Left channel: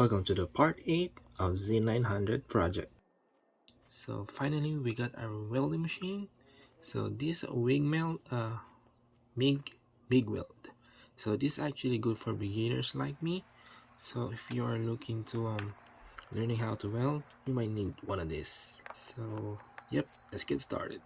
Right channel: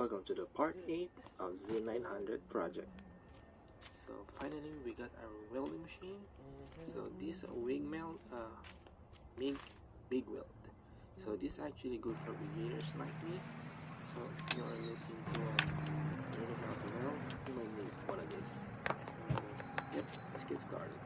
Welcome to the part 8 of Z900 project. So finally we got our welding machine. So this wig melt, big weld. So this is actually good for beginners like me. So if you are looking to learning how to weld, you might need one of these. So yep, let's get started.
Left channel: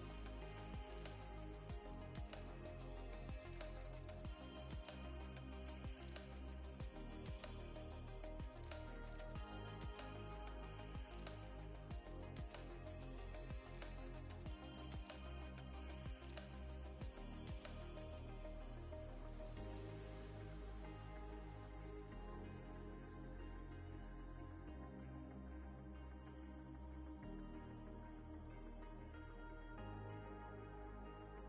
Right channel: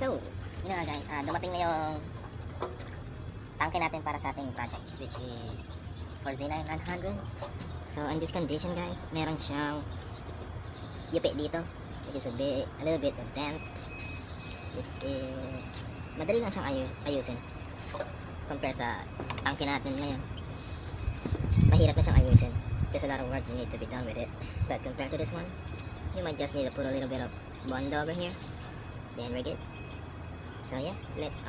So, yun na nga guys, dumating na yung tangke natin para sa ating project, which is for Z900. So, in this condition guys, meron siyang yupi dito, which is a little bit of dent, which is madali lang siyang ayusin compare sa tangke natin ngayon. Mahirap na siyang ayusin. There's a lot of work that need to be done with it, but compared to this one, you might just need to put a little bit of bond over here, then we're good. So yeah, let's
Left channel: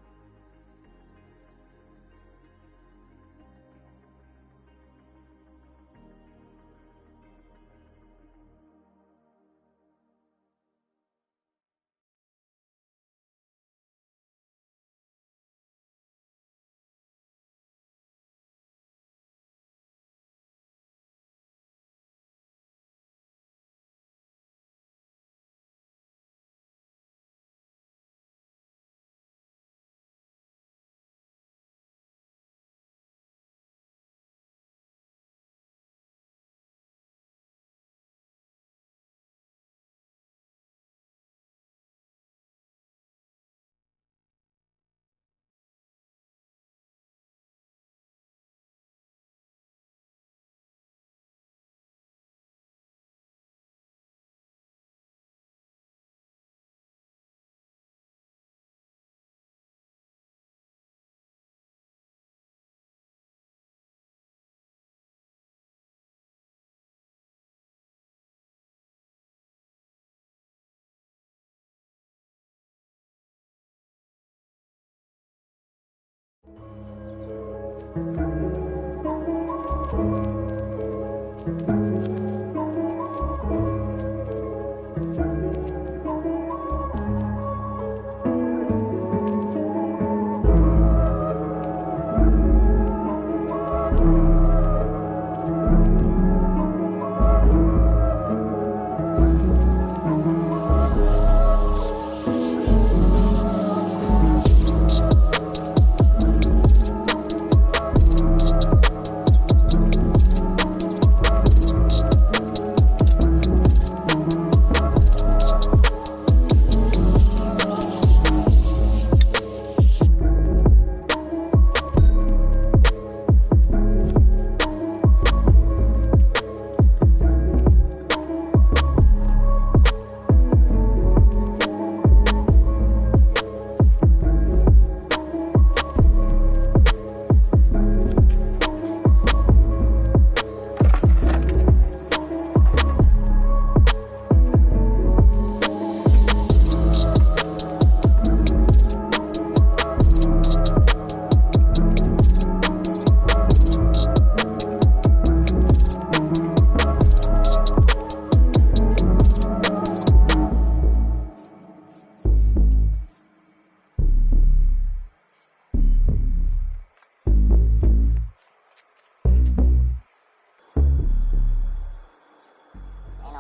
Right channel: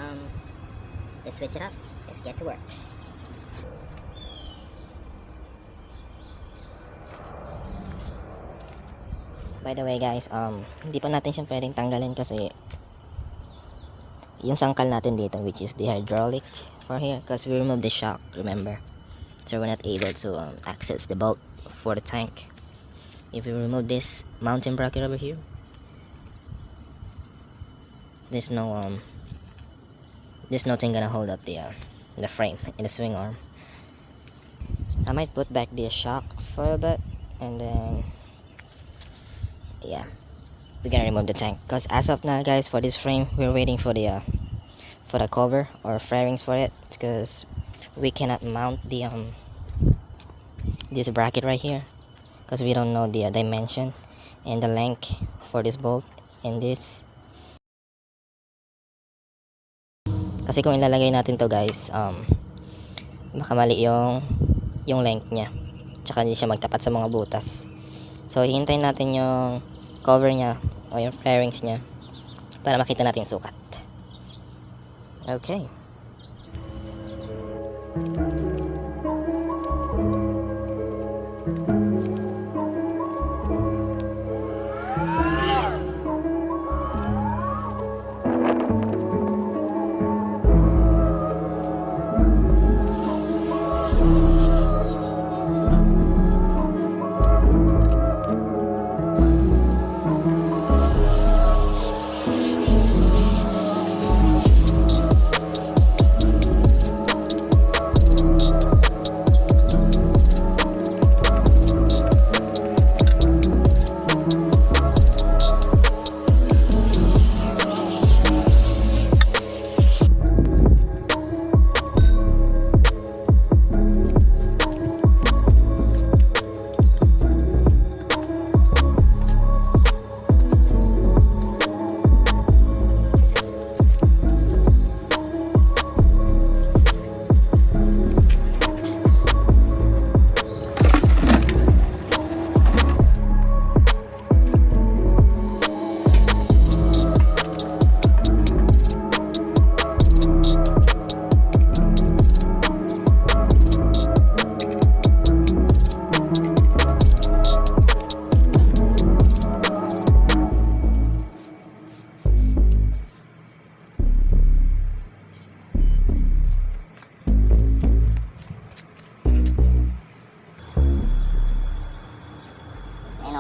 switch it up. Let's get to work. By the way guys, hindi pa natin siya pwedeng tanggalin kasi yung sangkal natin dito, which is the hydraulic for here, because we removed the shock, remember? So we're not able to access the bolt for the tank. If we remove this mounting bracket over here, there's nothing gonna hold up the frame in the swing arm. I might put back the shock for a bit, and then yeah, we're gonna remove the tank, because as of now guys, for this frame we're waiting for the cover or fairings for it, because we cannot mount the this bracket right here because we don't know the dimension and the length for this bolt and this. Kasi kung ilalagay natin to guys, baka mali yung length niya, tsaka hindi siya magtapat sa mga butas. So hihintayin natin yung cover niya o yung fairings niya para makita natin yung sukat. Okay.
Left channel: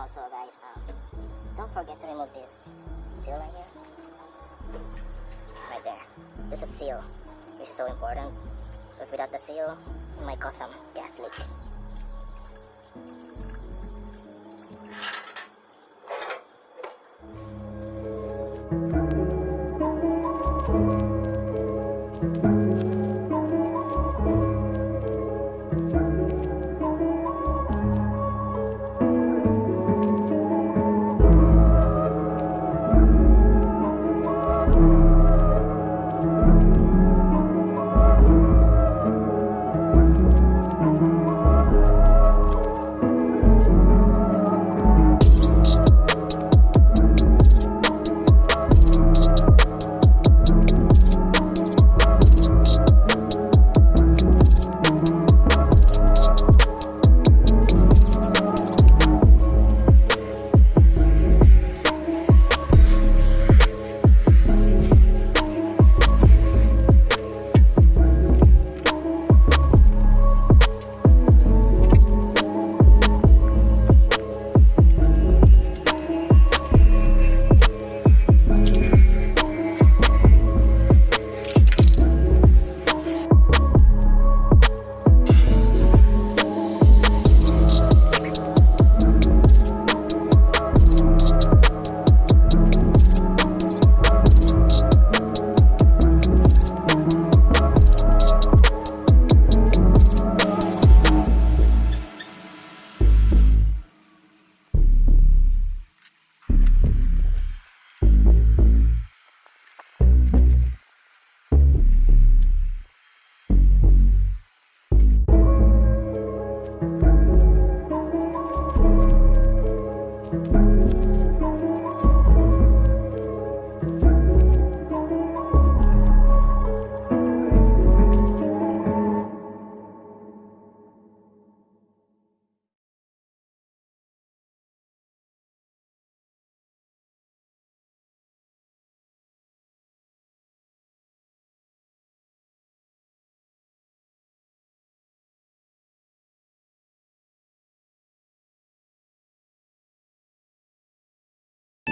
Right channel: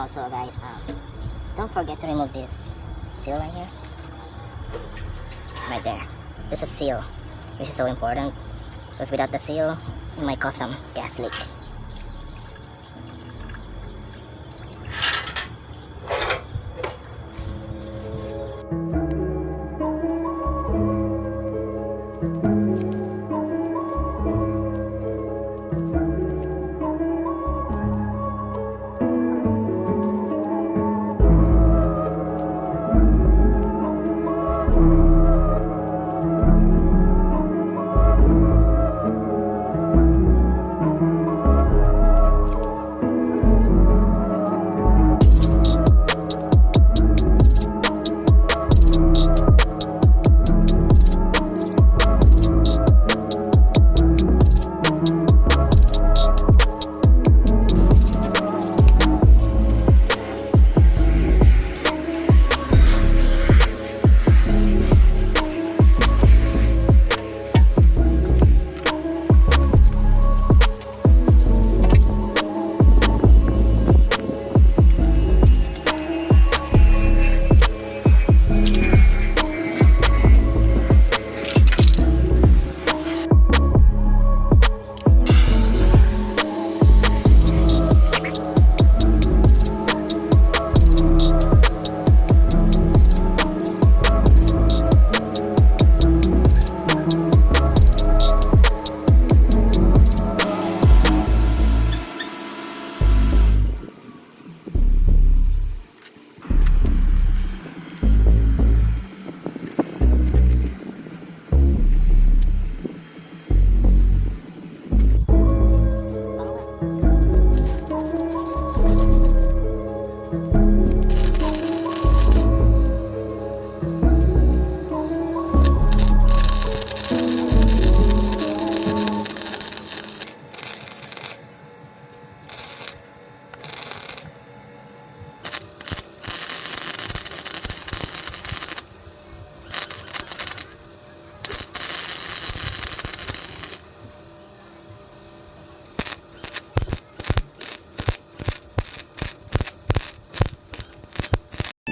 Also guys, don't forget to remove this seal right here, right there. This is seal, which is so important, because without the seal it might cause some gas leak.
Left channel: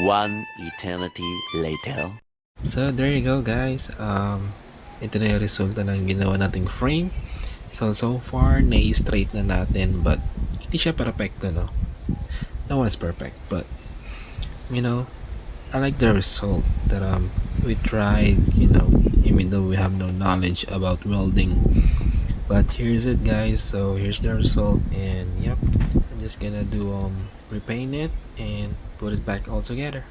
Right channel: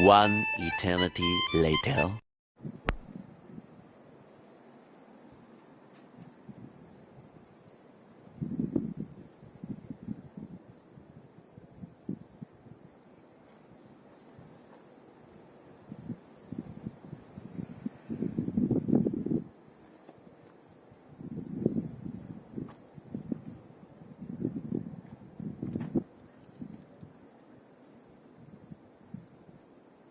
One eternity later. So there you go guys, ito na yung resulta ng ginawa nating frame. So far na-straight na natin, but hindi siya perfecto, no? No one's perfect, but you know, I like the result that we tried, you know, even though we have no knowledge about welding. But here's it guys, so here's the result, and yep, I'm just gonna do repaint it and put it back all together.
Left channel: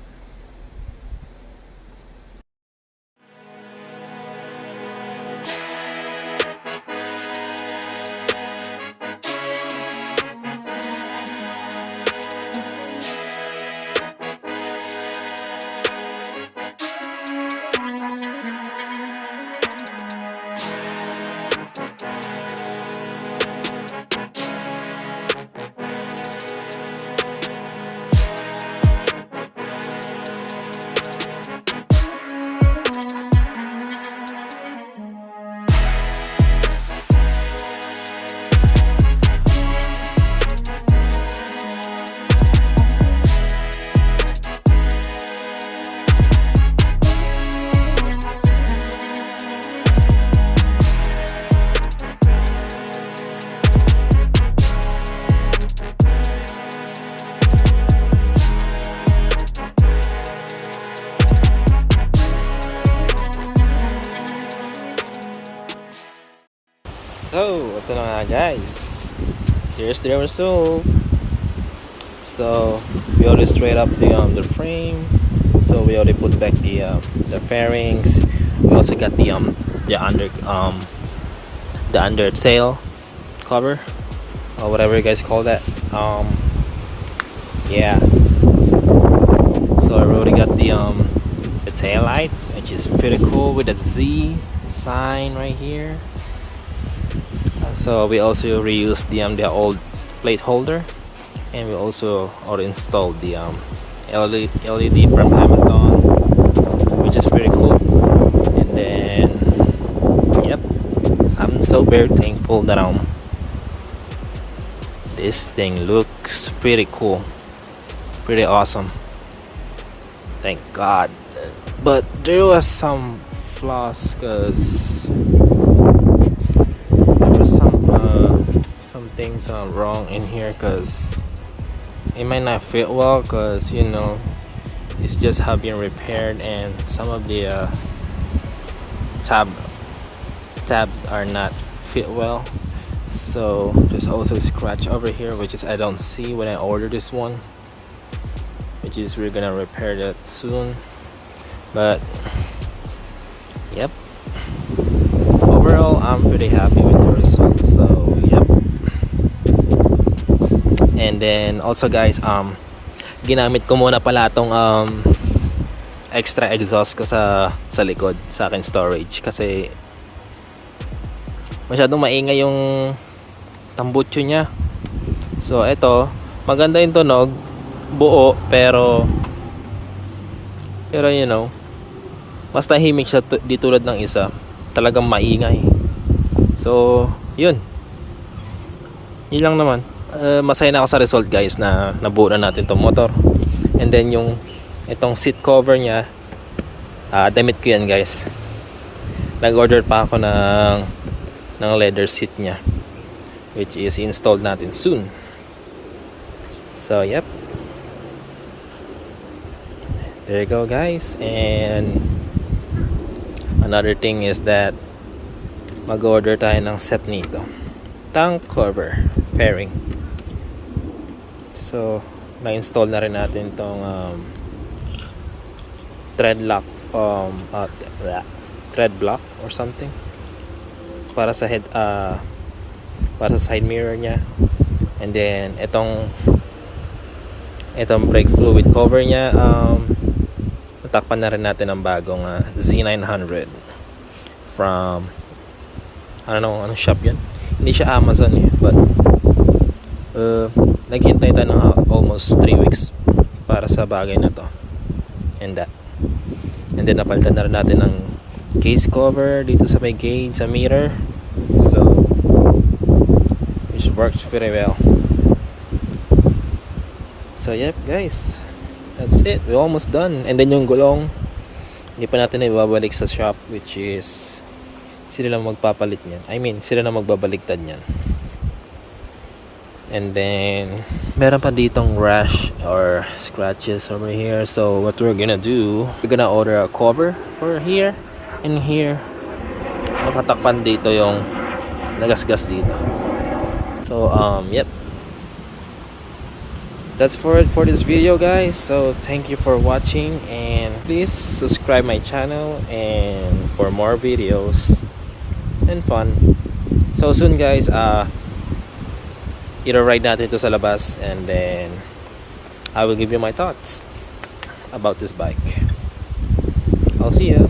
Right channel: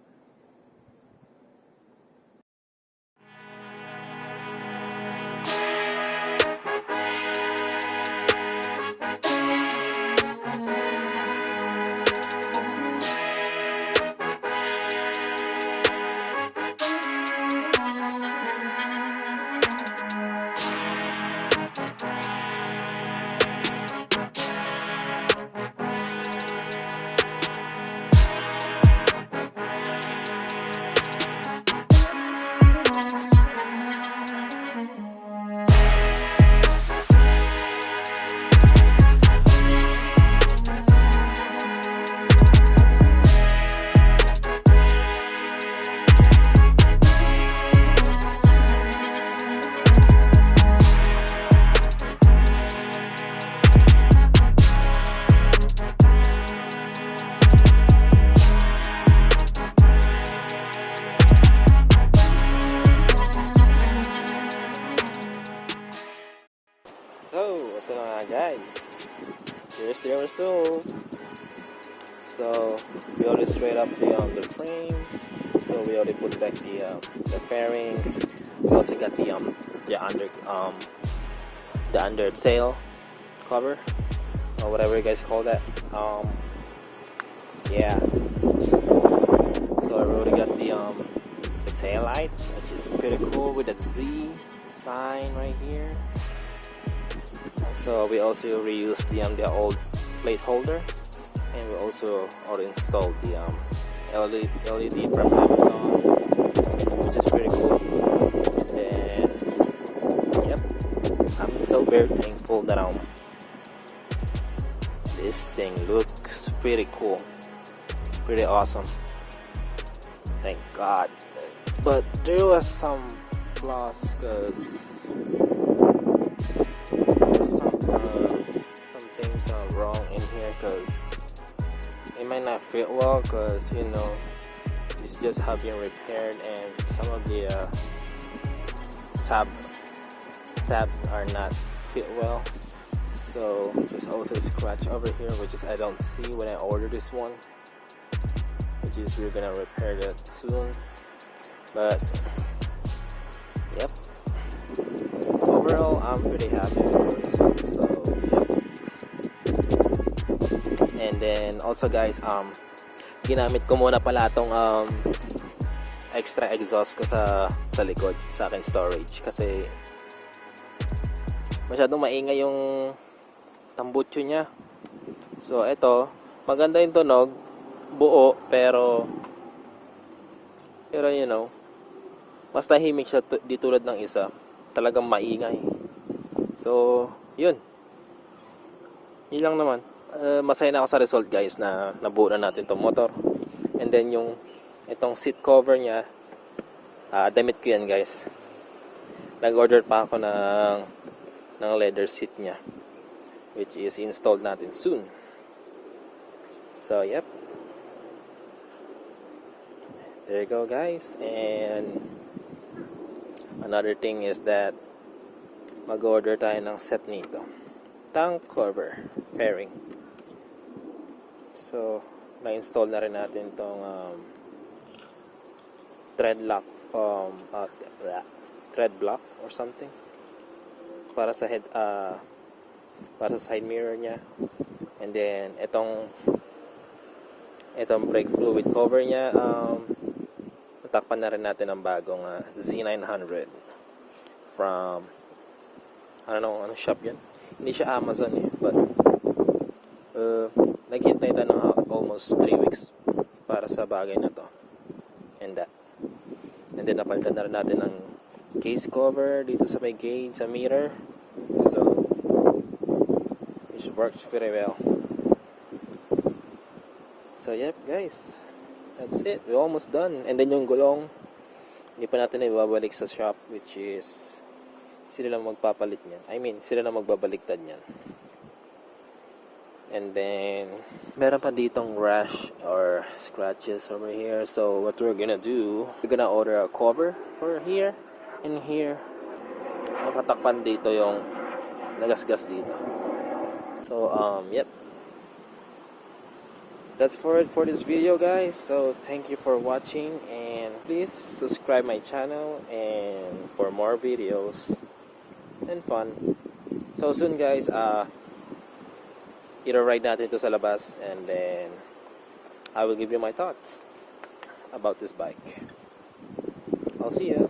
So, ito na nga guys. Here's the result. So, we already straight up the frame. So we already put back the fairings. We also got the under tail cover or whatever you guys call that. Yeah. So I already got the tail light, which is pretty cool with the Z sign right here. So we also reused the old plate holder, and we also already installed the LED from Amazon, which is pretty cool. And then yep, I'm so very thankful that this thing looks pretty cool, pretty awesome. Thank God. But there was some flaws, cause there was some things wrong in here, cause it might not fit well, cause you know it's just have been repaired, and some of the tab are not fit well. So there's also a scratch over here, which is I don't see when I order this one, which is we're gonna repair that soon. But yep, overall I'm pretty happy with the results. So yep. And then also guys, ginamit ko muna pala tong extra exhaust ko sa likod sa akin storage, kasi masyadong maingay yung tambutso niya. So ito, maganda yung tunog, buo, pero you know, mas tahimik siya di tulad ng isa, talagang maingay. So yun lang naman. Masaya na ako sa result guys, na nabuo na natin tong motor. And then itong seat cover niya, damit ko yan guys. Nag-order pa ako ng leather seat niya, which is installed natin soon. So yep, there you go guys. And another thing is that mag-order tayo ng set nito, tank cover fairing. So na-install na rin natin tong thread block or something para sa para sa side mirror niya. And then itong brake fluid cover niya, natakpan na rin natin ang bagong Z900 from anong shop yun. Hindi siya Amazon but naghintay tayo ng almost 3 weeks para sa bagay na to. And then napalitan na rin natin ng case cover dito sa may gauge, sa mirror. So which works pretty well. So yep guys, That's it, we're almost done. And then yung gulong, hindi pa natin na ibabalik sa shop, which is sila lang magpapalit niyan. I mean, sila na magbabaligtad niyan. And then meron pa ditong rash or scratches over here. So what we're gonna do, we're gonna order a cover for here and here. Matatakpan dito yung nagasgas dito. So yep, that's for it for this video, guys. So thank you for watching, and please subscribe my channel and for more videos and fun. So soon, guys, i-ride natin ito sa labas, and then I will give you my thoughts about this bike. I'll see you.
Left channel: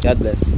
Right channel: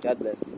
God bless.